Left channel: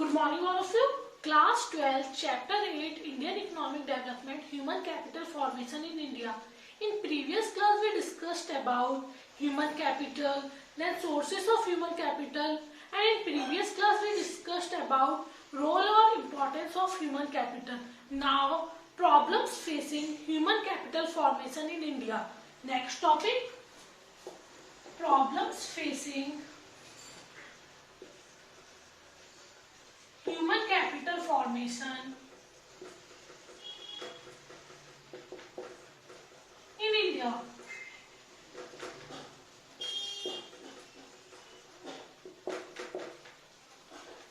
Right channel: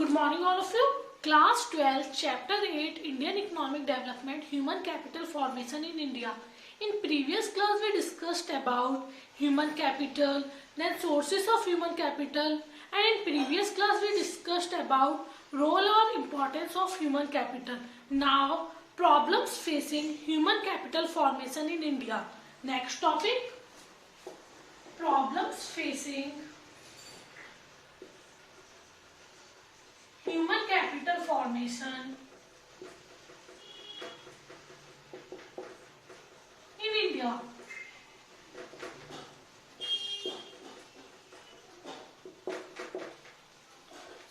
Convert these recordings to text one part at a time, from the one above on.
Good morning all of you. Class 12, Chapter 8, Indian Economic Development, Human Capital Formation in India. In previous class we discussed about human capital, then sources of human capital, and in previous class we discussed about role or importance of human capital. Now, problems facing human capital formation in India. Next topic, problems facing human capital formation in India.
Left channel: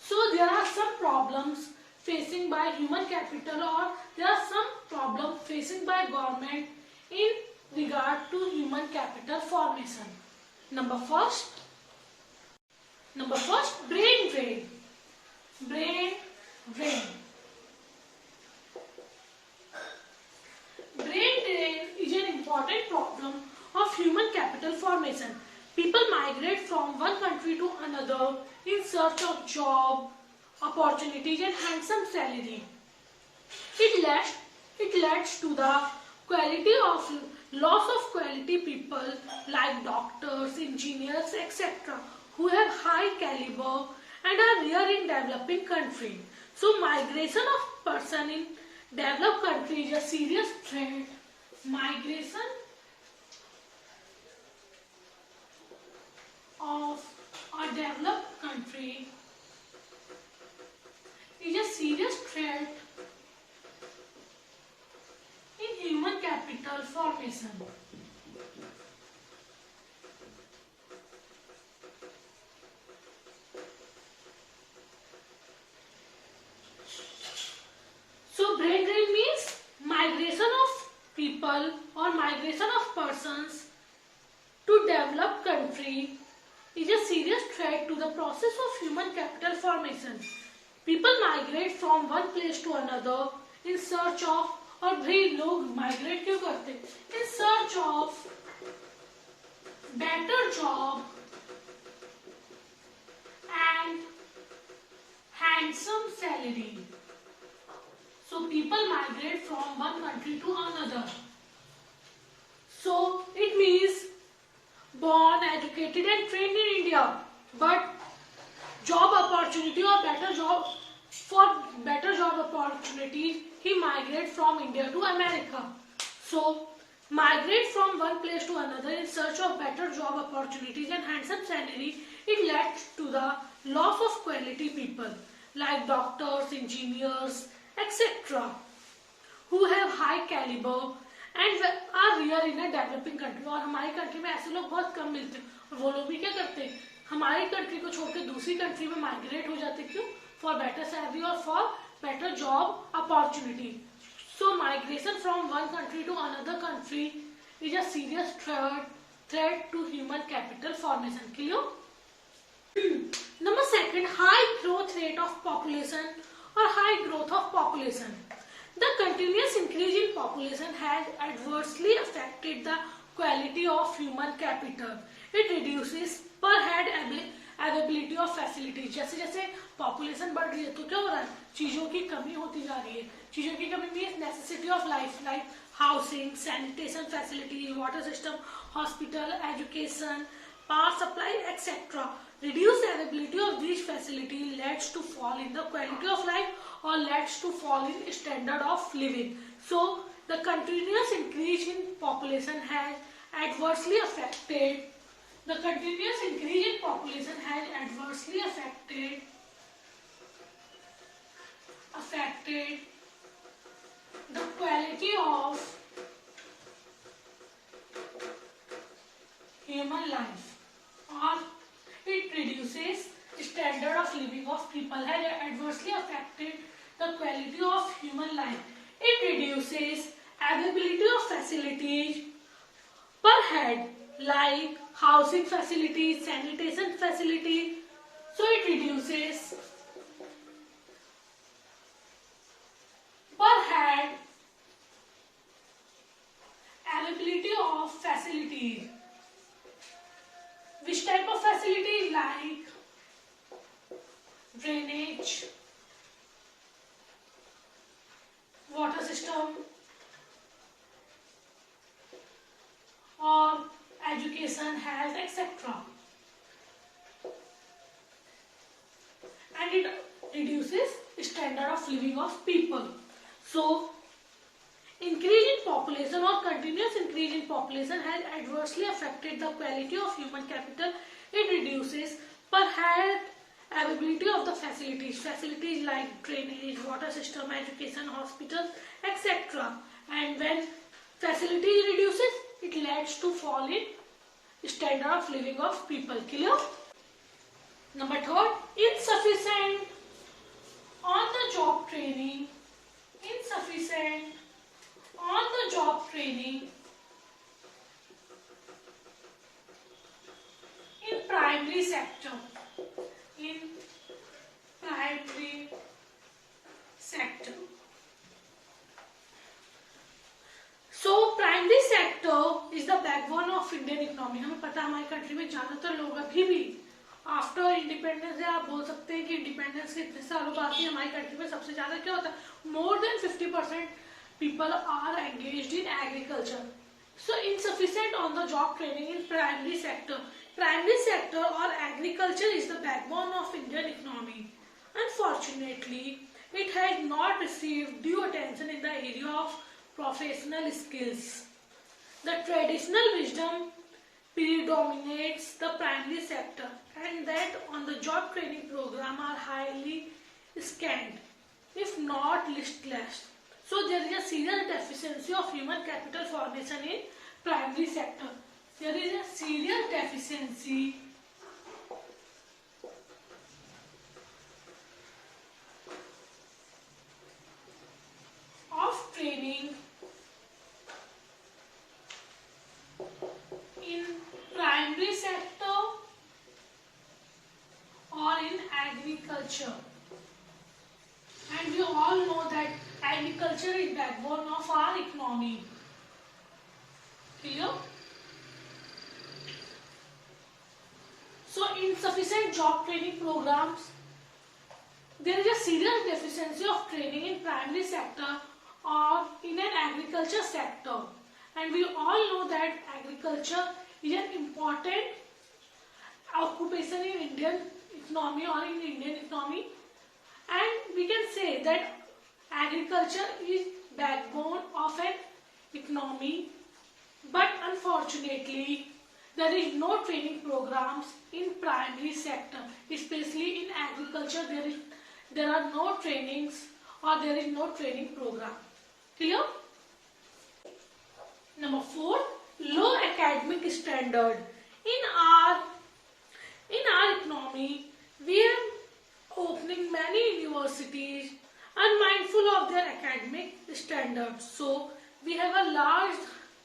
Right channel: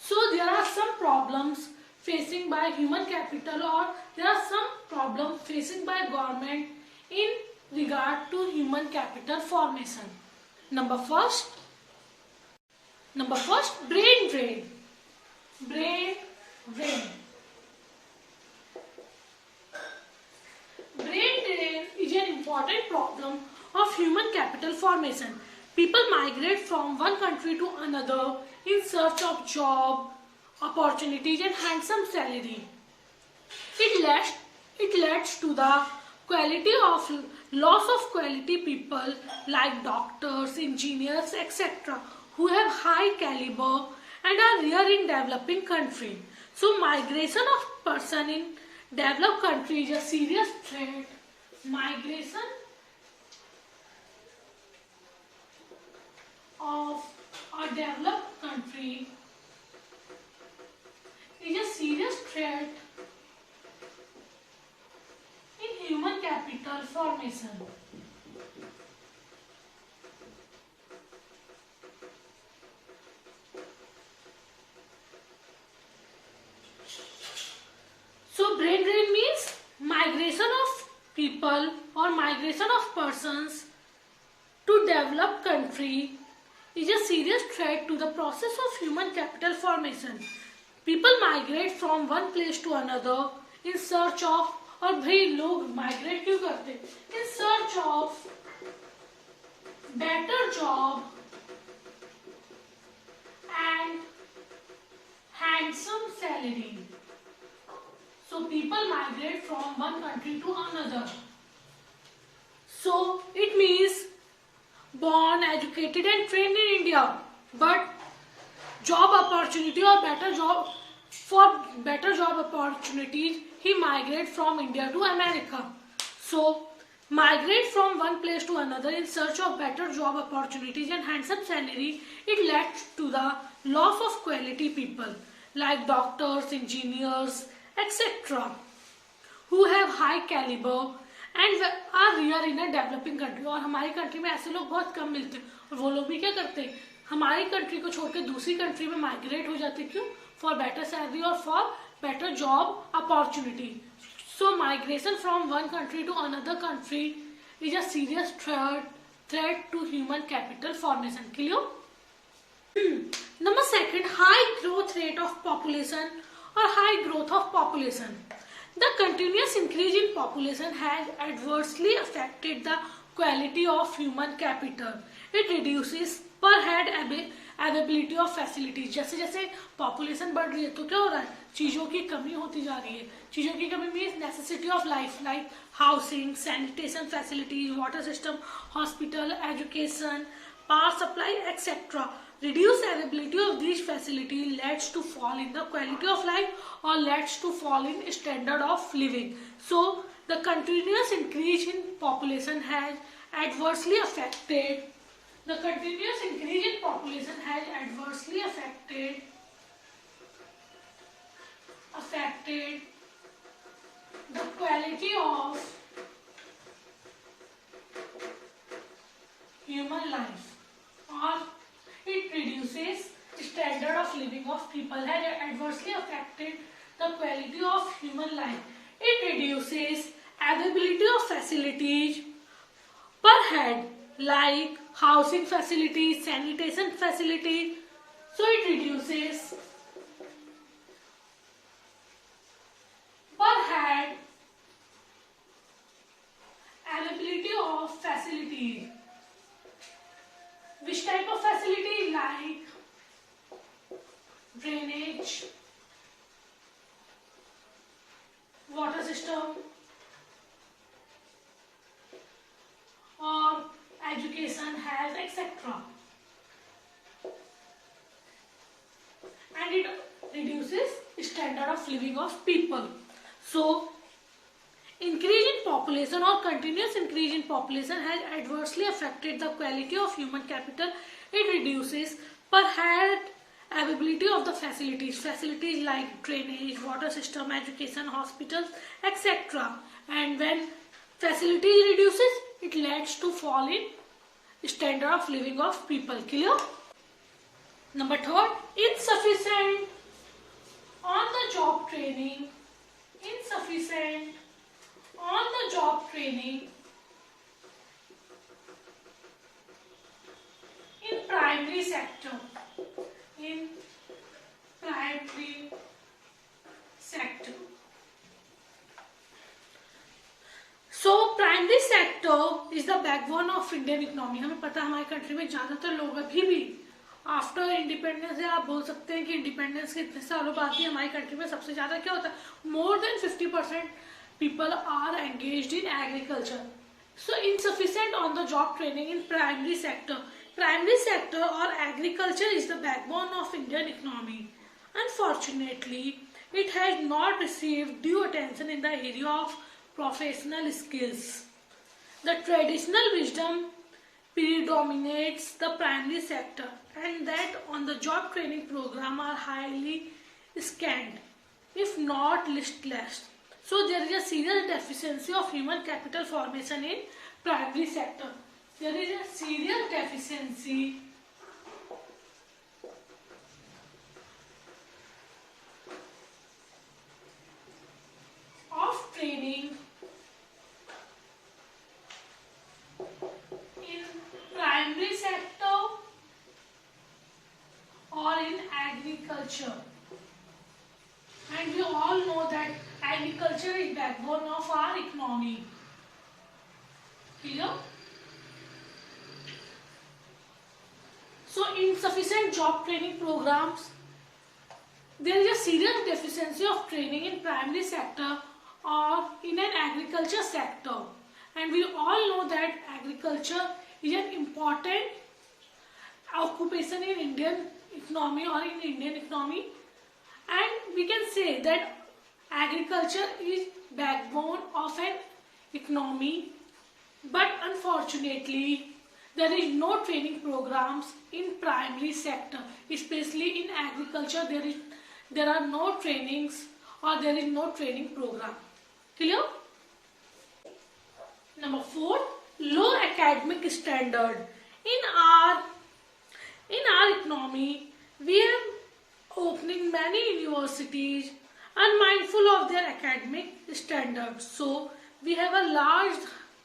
So there are some problems facing by human capital, or there are some problems facing by government in regard to human capital formation. Number first, brain drain. Brain drain. Brain drain is an important problem of human capital formation. People migrate from one country to another in search of job, opportunities and handsome salary. It leads to the loss of quality people like doctors, engineers, etc. who have high caliber and are rare in developing country. So migration of person in developed country is a serious threat. Migration of a developed country is a serious threat in human capital formation. So brain drain means migration of people or migration of persons to developed country is a serious threat to the process of human capital formation. People migrate from one place to another in search of, और भाई लोग migrate क्यों करते? In search of better job and handsome salary. So people migrate from one country to another. So it means born, educated and trained in India, but job opportunity or better job opportunities, he migrate from India to America. So migrate from one place to another in search of better job opportunities and handsome salary, it led to the loss of quality people like doctors, engineers, etc. who have high caliber and are rare in a developing country. और हमारी country में ऐसे लोग बहुत कम मिलते हैं, और वो लोग भी क्या करते हैं, हमारी कंट्री को छोड़कर दूसरी कंट्री में माइग्रेट हो जाते हैं. क्यों? फॉर बेटर सैलरी और for better job opportunity. So migration from one country to another country is a serious threat to human capital formation. Clear? Number second, high growth rate of population or high growth of population. The continuous increase in population has adversely affected the quality of human capital. It reduces per head availability of facilities. जैसे जैसे population बढ़ रही है तो क्या हो रहा है, चीजों की कमी होती जा रही है. चीजों की कमी means necessity of life like housing, sanitation facilities, water system, hospital, education, power supply etcetera. Reduced availability of these facilities leads to fall in the quality of life or leads to fall in standard of living. So the continuous increase in population has adversely affected the quality of human life, or it reduces standard of living of people, has adversely affected the quality of human life. It reduces availability of facilities per head like housing facilities, sanitation facilities. So it reduces per head availability of facilities. Which type of facility? Like drainage, and it reduces standard of living of people. So increase in population or continuous increase in population has adversely affected the quality of human capital. It reduces per head availability of the facilities like drainage, water system, education, hospitals, etc. And when facilities reduces, it leads to fall in standard of living of people. Clear? Number third, insufficient on the job training. Insufficient on the job training in primary sector. In primary sector. So primary sector is the backbone of Indian economy. हमें पता है हमारी country में ज्यादातर लोग अभी भी after independence, आप बोल सकते हैं कि इंडिपेंडेंस के इतने सालों बाद भी हमारी कंट्री में सबसे ज्यादा क्या होता है, more than 50% people are engaged in agriculture. So insufficient on the job training in primary sector. Primary sector or agriculture is the backbone of Indian economy. Unfortunately, it has not received due attention in the area of professional skills. The traditional wisdom predominates the primary sector, and that on the job training program are highly scant, if not listless. So there is a serious deficiency of human capital formation in primary sector. There is a serious deficiency of training in primary sector or in agriculture. And we all know that agriculture is backbone of our economy. Clear? So insufficient job training programs. There is a serious deficiency of training in primary sector or in an agriculture sector. And we all know that agriculture is an important occupation in Indian economy or in Indian economy. And we can say that agriculture is backbone of an economy, but unfortunately there is no training programs in primary sector, especially in agriculture. There are no trainings or there is no training program. Clear? Number 4, low academic standard. In our economy, we are opening many universities unmindful of their academic standards. So we have a large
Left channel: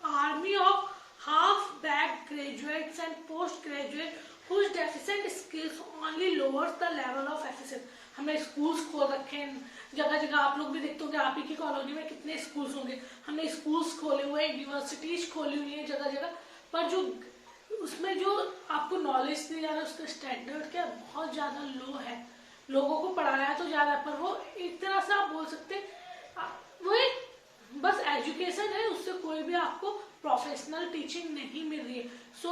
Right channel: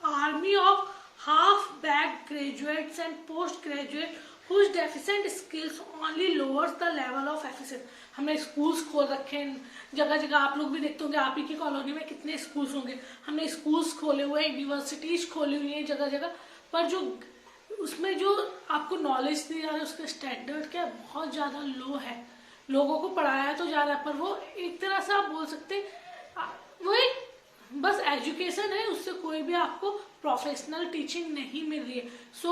army of half-baked graduates and postgraduates whose deficient skills only lowers the level of efficiency. हमने schools खोल रखे हैं जगह जगह, आप लोग भी देखते होंगे, आप ही की कॉलोनी में कितने स्कूल्स होंगे. हमने स्कूल्स खोले हुए हैं, यूनिवर्सिटीज खोली हुई हैं जगह जगह, पर जो उसमें जो आपको नॉलेज दी जा रहा है उसका स्टैंडर्ड क्या बहुत ज्यादा लो है. लोगों को पढ़ाया तो जा रहा है पर वो एक तरह से आप बोल सकते हैं वो एक बस एजुकेशन है, उससे कोई भी आपको प्रोफेशनल टीचिंग नहीं मिल रही है. So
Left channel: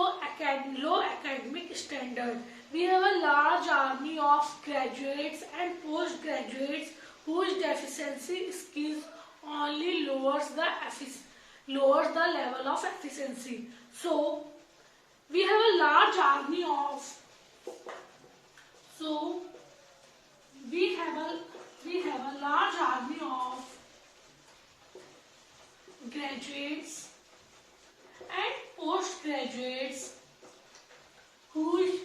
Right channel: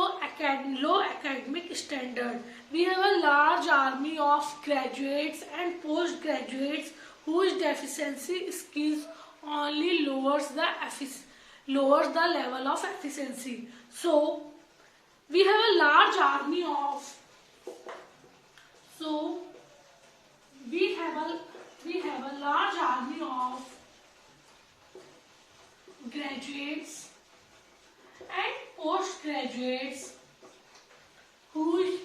low academic standard. We have a large army of graduates and post graduates whose deficiency skills only lowers the level of efficiency. So we have a large army of large army of graduates and postgraduates whose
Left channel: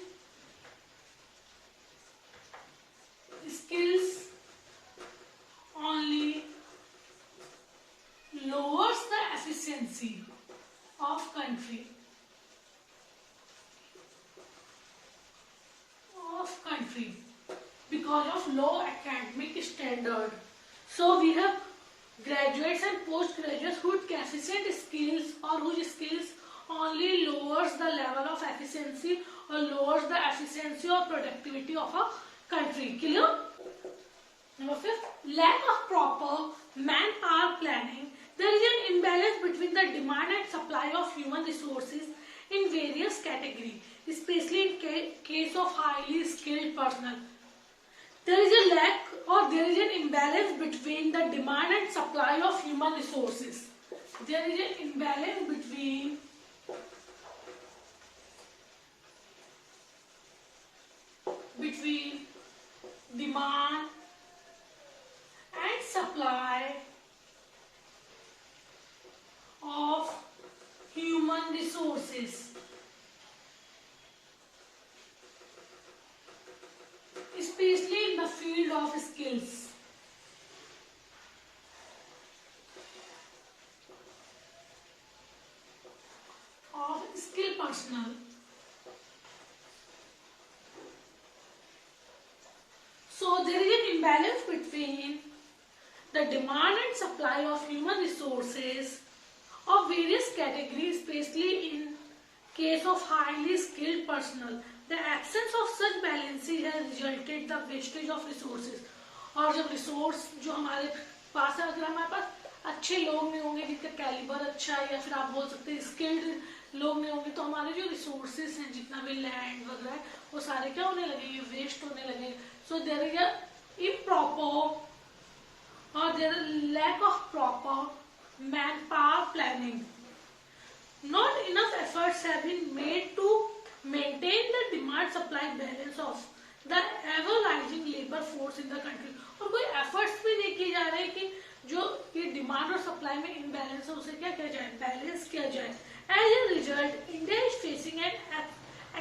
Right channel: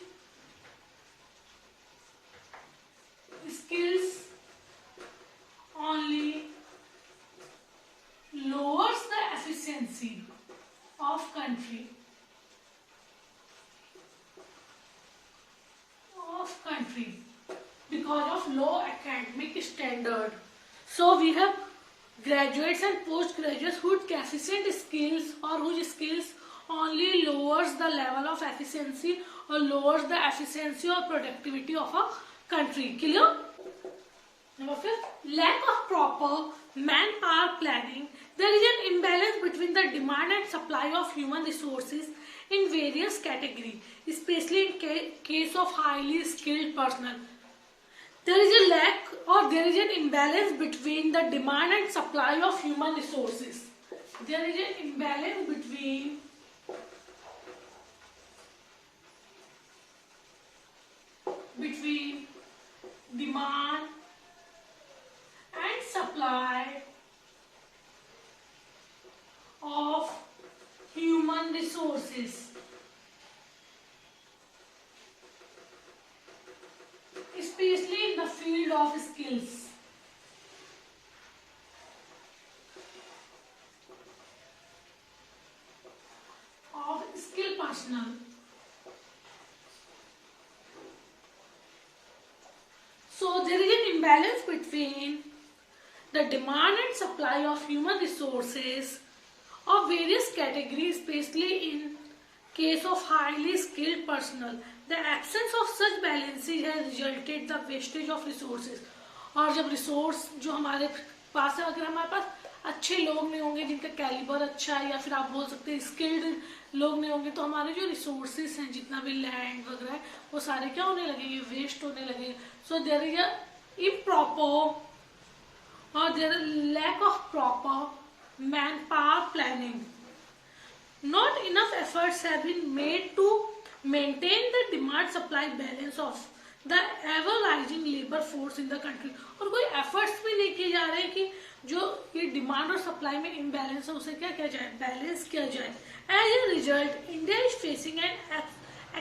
skills only lowers the efficiency of country. Because of low academic standard. So we have graduates and postgraduates whose deficient skills or whose skills only lowers the level of efficiency or lowers the efficiency or productivity of a country. Clear? Number 5, lack of proper manpower planning. There is an imbalance between the demand and supply of human resources in various categories, especially in case of highly skilled personnel. there is a lack or there is an imbalance between the demand and supply of human resources. There is an imbalance between demand and supply of human resources, especially in the field of skills. Of skilled personnel. So there is an imbalance between the demand and supply of human resources of various categories, especially in case of highly skilled personnel. The absence of such balancing has resulted the wastage of resources. और जब resource जो हमारे पास है, अगर हमारे पास अच्छे लोग नहीं होंगे जिनका कैलिबर अच्छा है, या फिर आप बोल सकते हैं स्किल्ड लोग नहीं होंगे, तो हमारे जो रिसोर्सेज हैं, जितना भी लैंड वगैरह है, वो सारे क्या होने लगेंगे, वेस्ट होने लगेंगे. So there is a improper or there is lack of proper manpower planning. Not enough efforts have been made to maintain the demand supply balance of the ever rising labor force in the country. और कोई efforts भी नहीं किए जा रहे हैं कि जो ये डिमांड और सप्लाई में इम्बैलेंस है उसे क्या किया जाए, बैलेंस किया जाए. As a result, India is facing an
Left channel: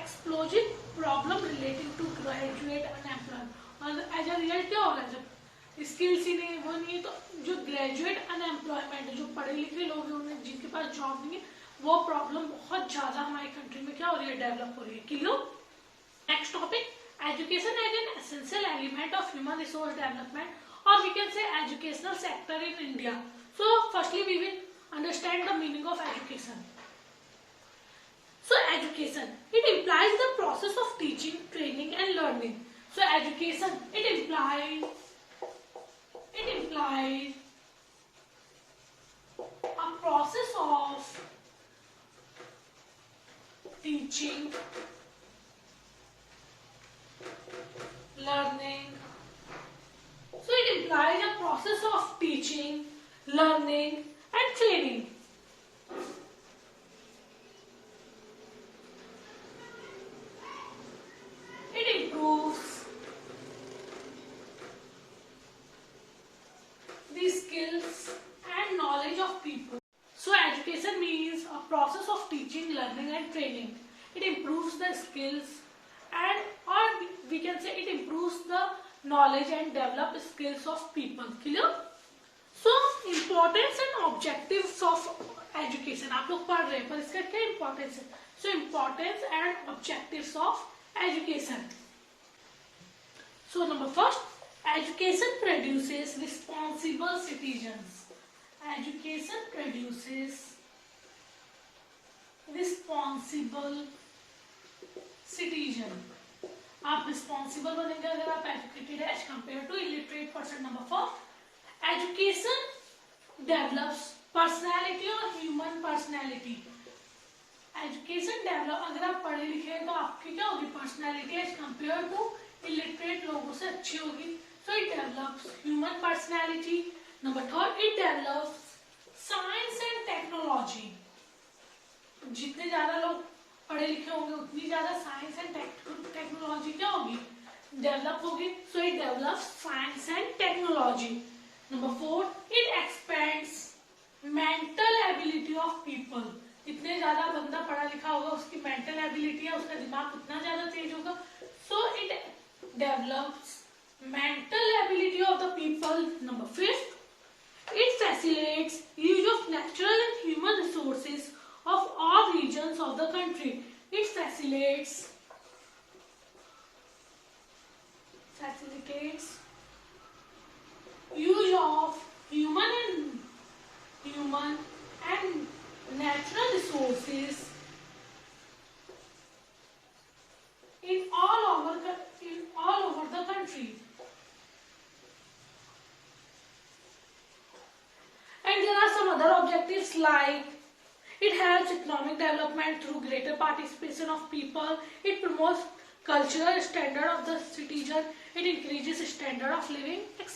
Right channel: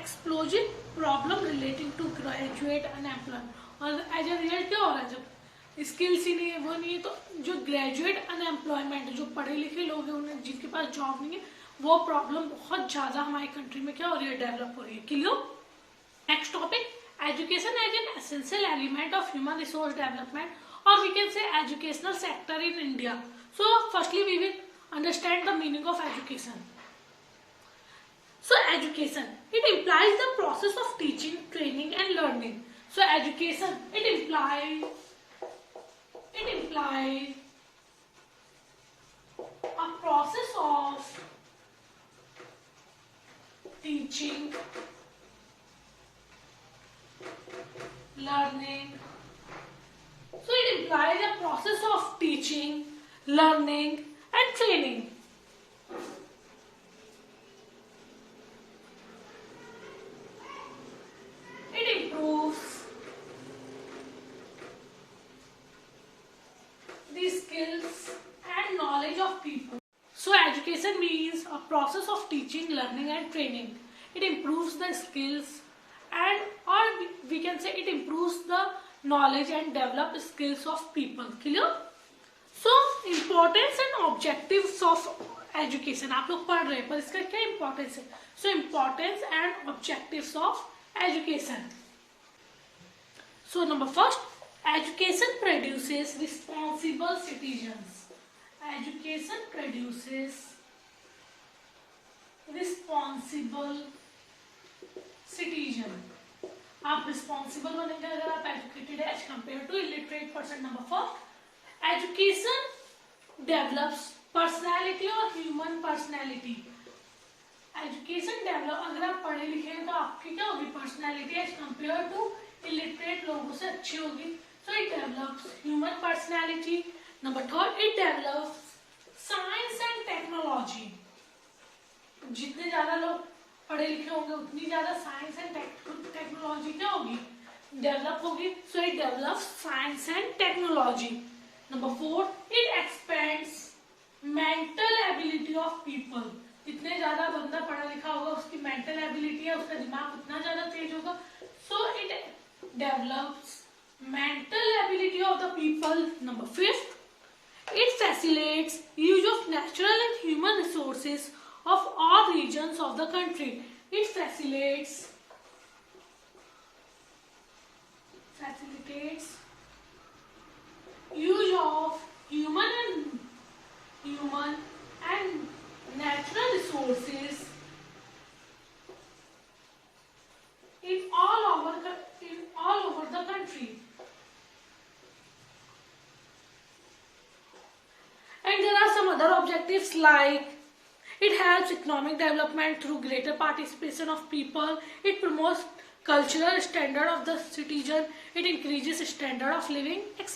explosive problem relating to graduate unemployment. और एज ए रिजल्ट क्या हो रहा है, जब स्किल्स ही नहीं है, वो नहीं है, तो जो ग्रेजुएट अनएम्प्लॉयमेंट, जो पढ़े लिखे लोग हैं, उन्हें जिनके पास जॉब नहीं है, वो प्रॉब्लम बहुत ज्यादा हमारी कंट्री में क्या हो रही है, डेवलप हो रही है. Clear. Next topic, education as an essential element of human resource development, और we can say educational sector in India. So firstly we will understand the meaning of education. So education, it implies the process of teaching, training and learning. So education, it implies a process of teaching, learning. So it implies a process of teaching, learning and training. It improves the skills and knowledge of people. So education means a process of teaching, learning and training. It improves the skills and or we can say it improves the knowledge and develop skills of people. Clear? So importance and objectives of education. आप लोग पढ़ रहे हैं पर इसका क्या importance है? So importance and objectives of education. So number first, education produces responsible citizens. Education produces responsible citizen. आप responsible बनेंगे अगर आप educated है as compared to illiterate person. Number four, education develops personality or human personality. Education develop, अगर आप पढ़े लिखे हैं तो आपकी क्या होगी, personality as compare to illiterate लोगों से अच्छी होगी. So it develops human personality. Number third, it develops science and technology. जितने ज्यादा लोग पढ़े लिखे होंगे उतनी ज्यादा साइंस एंड टेक्नोलॉजी क्या होगी, डेवलप होगी. So it develops science and technology. Number fourth, it expends mental ability of people. जितने ज्यादा बंदा पढ़ा लिखा होगा उसकी मेंटल एबिलिटी है, उसका दिमाग उतना ज्यादा तेज होगा. So it develops mental ability of the people. Number fifth, it facilitates use of natural and human resources of all regions of the country. It facilitates use of human and natural resources in all over the country. And there are some other objectives like it helps economic development through greater participation of people. It promotes cultural standard of the citizen, it increases standard of living, etc.